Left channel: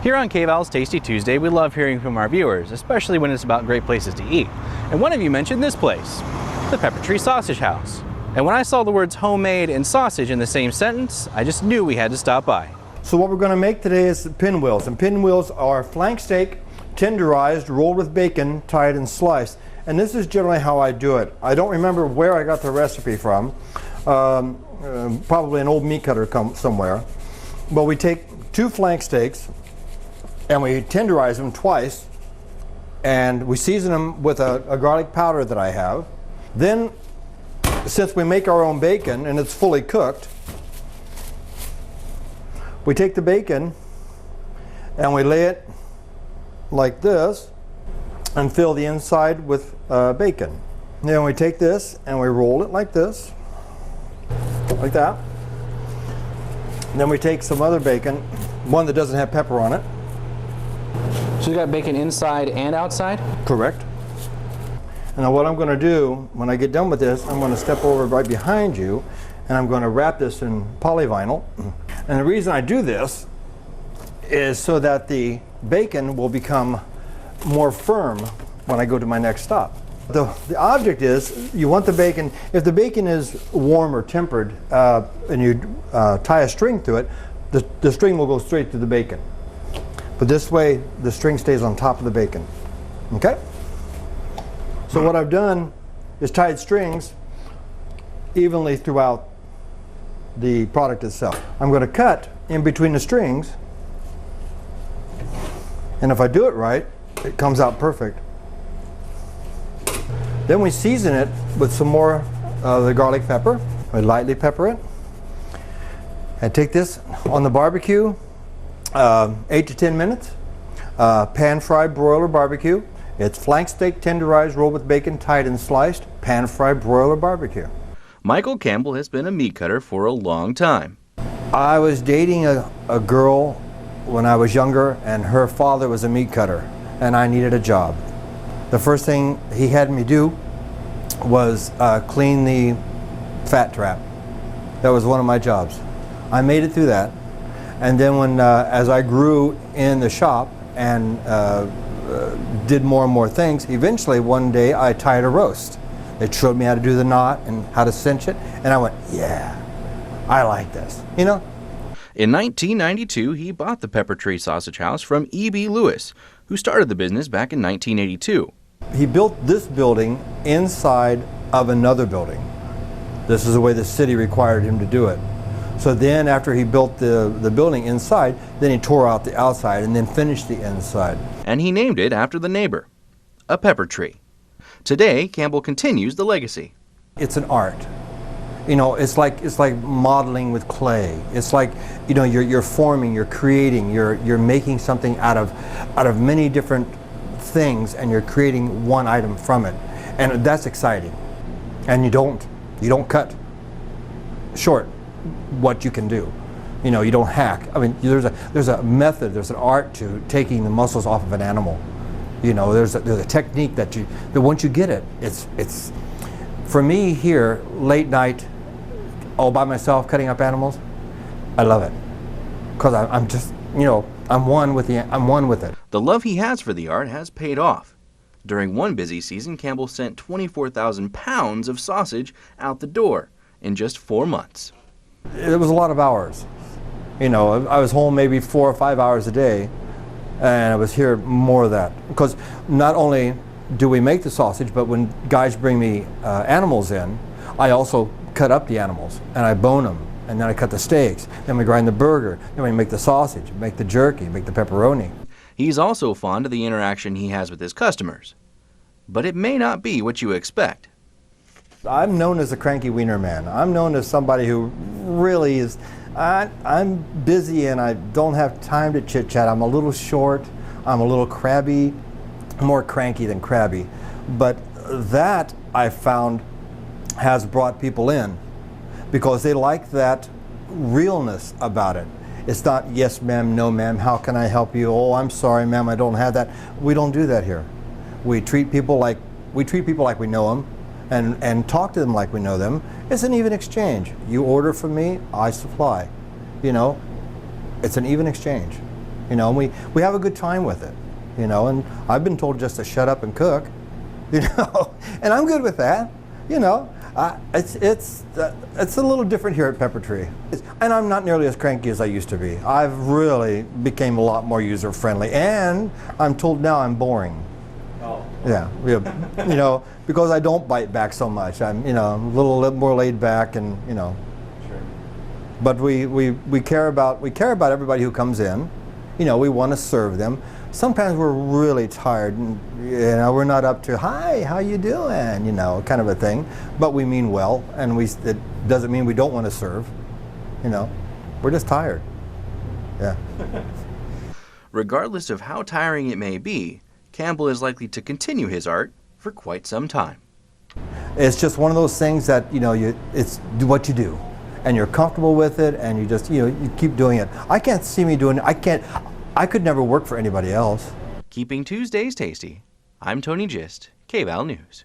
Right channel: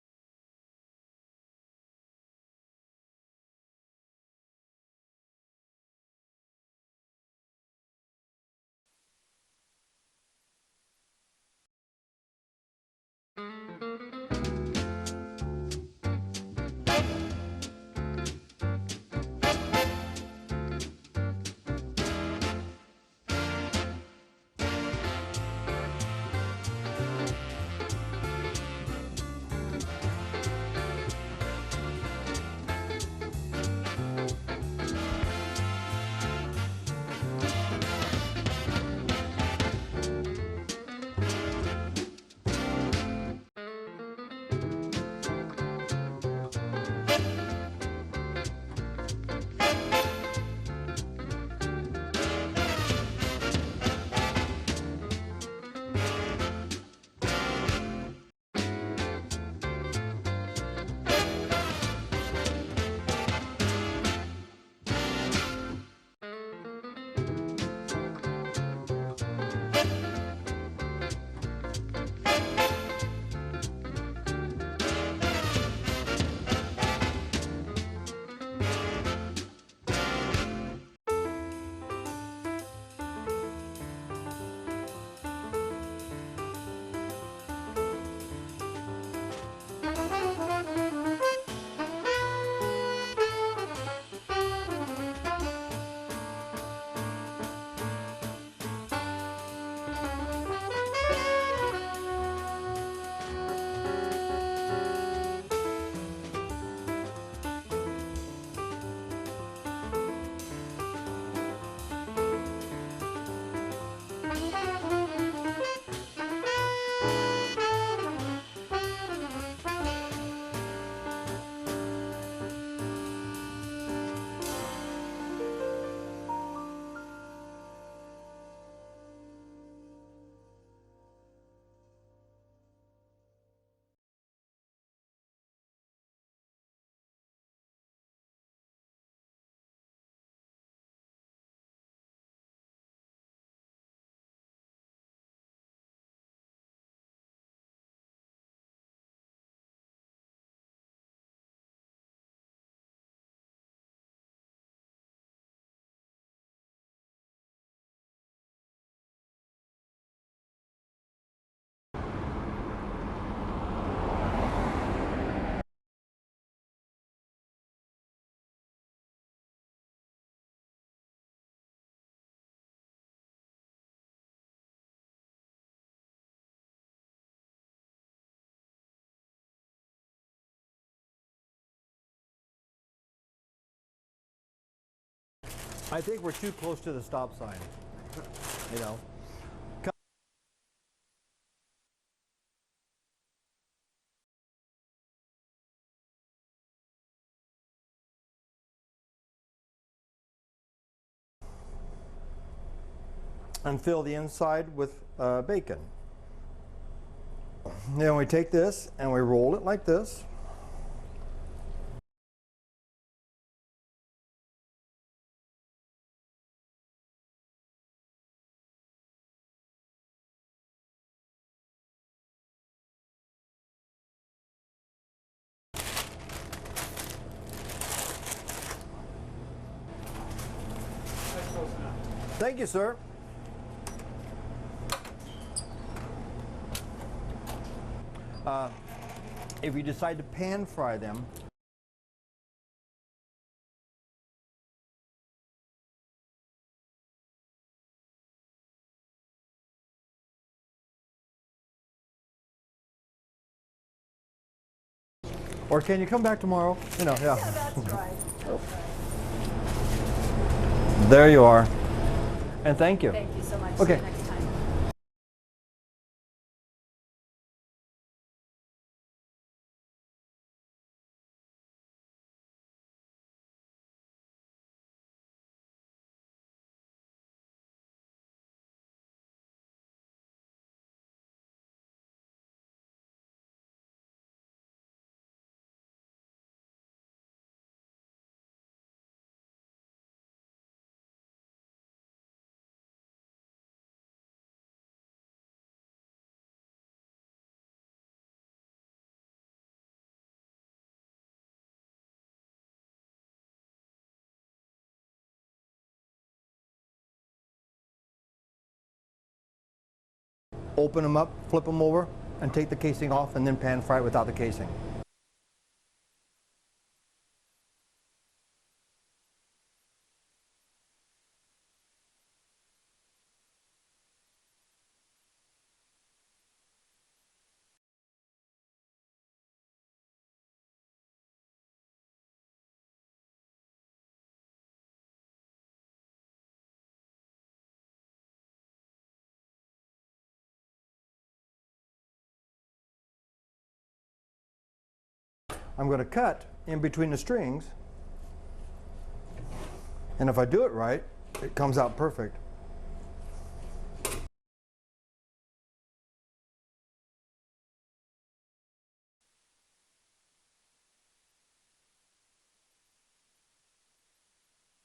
Here on KVAL's Tasty Tuesday, we love hearing from our viewers, especially when it's about great places to eat. And one of you mentioned this place, the Peppertree Sausage House. And when I saw the words homemade and sausage in the same sentence, I just knew we had to stop by. So what we're going to make today is the pinwheels. And pinwheels are flank steak, tenderized, rolled with bacon, tied and sliced. And this is generally how I do it. I don't remember where I got the recipe from. Probably an old meat cutter somewhere. But we take 2 flank steaks and we tenderize them twice, and we season them with a garlic powder that I have. Then, since we make our own bacon and it's fully cooked, we take the bacon and we lay it like this and fill the inside with bacon. And then we take this and we roll it like this, like that. And then we take some other bacon, one that doesn't have pepper on it. So you got bacon inside and outside? Correct. Now what I'm going to do, when I get done with this, I'm going to step over right behind you and I'm going to wrap this in polyvinyl. And the reason I do this is so that the bacon will become more firm when I go to my next stop. The object is, you want the bacon, if the bacon is warm or tempered and you tie a string to it, the string will go straight to the bacon. But this way, the string stays on top of the bacon. Okay? So what I've done is tied strings evenly throughout the product itself. I'm going to cut in between the strings, and if I do it right, it comes out perfect. Then we season it with some more of the garlic pepper. We lightly pepper it. I take this on the barbecue, 8 to 10 minutes. Pan-fried broiler barbecue. It's flank steak tenderized, rolled with bacon, tied and sliced. Pan-fried broiler barbecue. Michael Campbell has been a meat cutter for a long time. I was dating a girl when I was younger, and her father was a meat cutter, and I needed a job. The first thing he had me do was clean the fat trap. That was one of my jobs. I made it through that. And then when, as I grew in the shop and did more and more things, eventually one day I tied a roast. They showed me how to do the knot and how to cinch it, and I went, yeah, I like this, you know? In 1992, he bought the Peppertree Sausage House from E.B. Lewis, who started the business back in 1982. He built this building inside of another building. This is the way the city required him to do it. So then after he built the building inside, then he tore out the outside and then finished the inside. And he named it after the neighbor, a pepper tree. Today, Campbell continues the legacy. It's an art. You know, it's like modeling with clay. It's like, you know, you're forming, you're creating, you're making something out of many different things, and you're creating one item from it. And that's exciting. And you don't cut and fill the inside short what you can do. You know, you don't hack. I mean, there's a method, there's an art to taking the muscles off of an animal. You know, there's a technique that once you get it, it's for me here, late night, all by myself cutting up animals, I love it. Because I'm just, you know, I'm one with it. The love he has for the art has paid off. During one busy season, Campbell sent 24,000 pounds of sausage out the door in just 4 months. It was a lot of hours. You know, I was home maybe 4 or 5 hours a day, and I was here more of that. Because not only do we make the sausage, but when guys bring me animals in, I also cut up the animals, and I bone them, and then I cut the steaks, then we grind the burger, then we make the sausage, make the jerky, make the pepperoni. He's also fond of the interaction he has with his customers. But it may not be what you expect. There you are. I'm known as a cranky wiener man. I'm known as somebody who really is, I'm busy and I don't have time to chit chat. I'm a little short, I'm a little crabby, more cranky than crabby. But that I found has brought people in because they like that realness about it. It's not yes ma'am, no ma'am, how can I help you? Oh, I'm sorry ma'am, I don't have that. We don't do that here. We treat people like we know them and talk to them like we know them. It's an even exchange. You order from me, I supply. You know, it's an even exchange. You know, and we have a good time with it. You know, and I've been told just to shut up and cook. You know, and I'm good with that. You know, it's a little different here at Peppertree, and I'm not nearly as cranky as I used to be. I've really became a lot more user friendly, and I'm told now I'm boring. Oh. Yeah, you know, because I don't bite back so much. I'm, you know, a little more laid back, and you know. Sure. But we care about everybody who comes in. You know, we want to serve them. Sometimes we're really tired, and you know, we're not up to "Hi, how you doing?" You know, kind of a thing. But we mean well, and it doesn't mean we don't want to serve. You know, we're just tired. Yeah. Regardless of how tiring it may be, Campbell is likely to continue his art for quite some time. And if I do it right, it's just one of those things that, you know, it's do what you do, and you're comfortable with it, and you just, you know, you keep doing it. I can't see me doing it. I could never work for anybody else. Keeping Tuesdays tasty, I'm Tony Gist, KVAL News.